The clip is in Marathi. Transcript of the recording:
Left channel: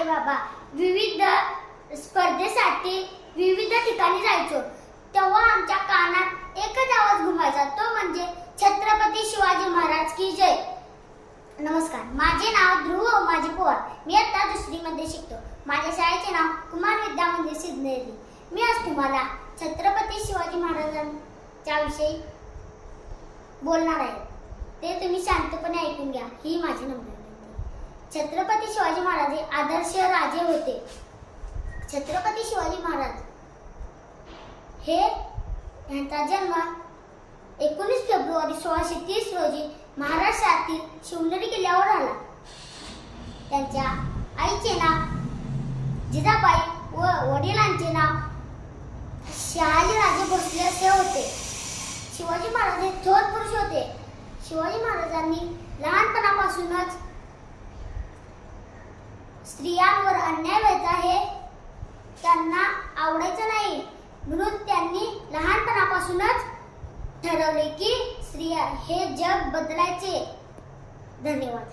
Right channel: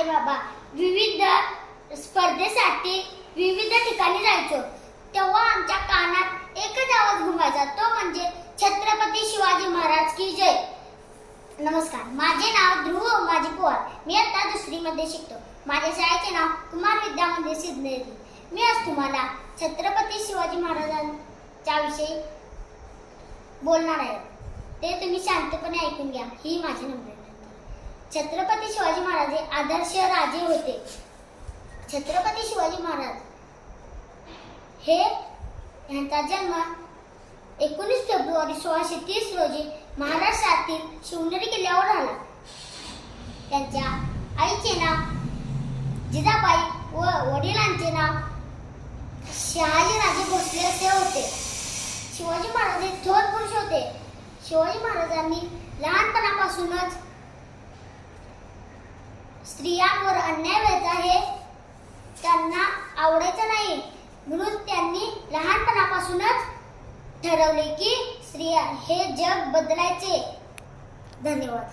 आहे बाबा. विविध स्पर्धेसाठी विविध ठिकाणी जायचो. तेव्हा आमच्या कानात एकच आवाज घुमायचा. तो म्हणजे छत्रपती शिवाजी महाराज की जय. नमस्कार. माझे नाव ध्रुव माझी पोवार मी आता दुसरीमध्ये शिकतो. माझ्या शाळेचे नाव कुमार विद्या मंदिर सिद्धनेरी. मी आज तुम्हाला छत्रपती शिवाजी महाराजांच्या विषयी बोलणार आहे. ते तुम्ही शांतपणे ऐकून घ्या. ही माझी नम्र छत्रपती शिवाजी महाराज हे आदर्श राजे होते. छत्रपती शिवाजी महाराज हे यांचा जन्म एकोणीस फेब्रुवारी सोळाशे तीस रोजी महाराष्ट्रातील शिवनेरी किल्ल्यावर झाला. त्यांच्या आईचे नाव जिजाबाई व वडिलांचे नाव शहाजीराजे भोसले असे होते. शिवाजी महाराज हे थोर पुरुष होते. शिवाजी महाराजांनी लहानपणापासूनच स्त्रियांवर अन्याय व्हायचा हे त्यांना आवडायचं नाही. म्हणून त्यांनी लहानपणापासूनच ठरवले की स्त्रिया हे जग बदलायचे. धन्यवाद.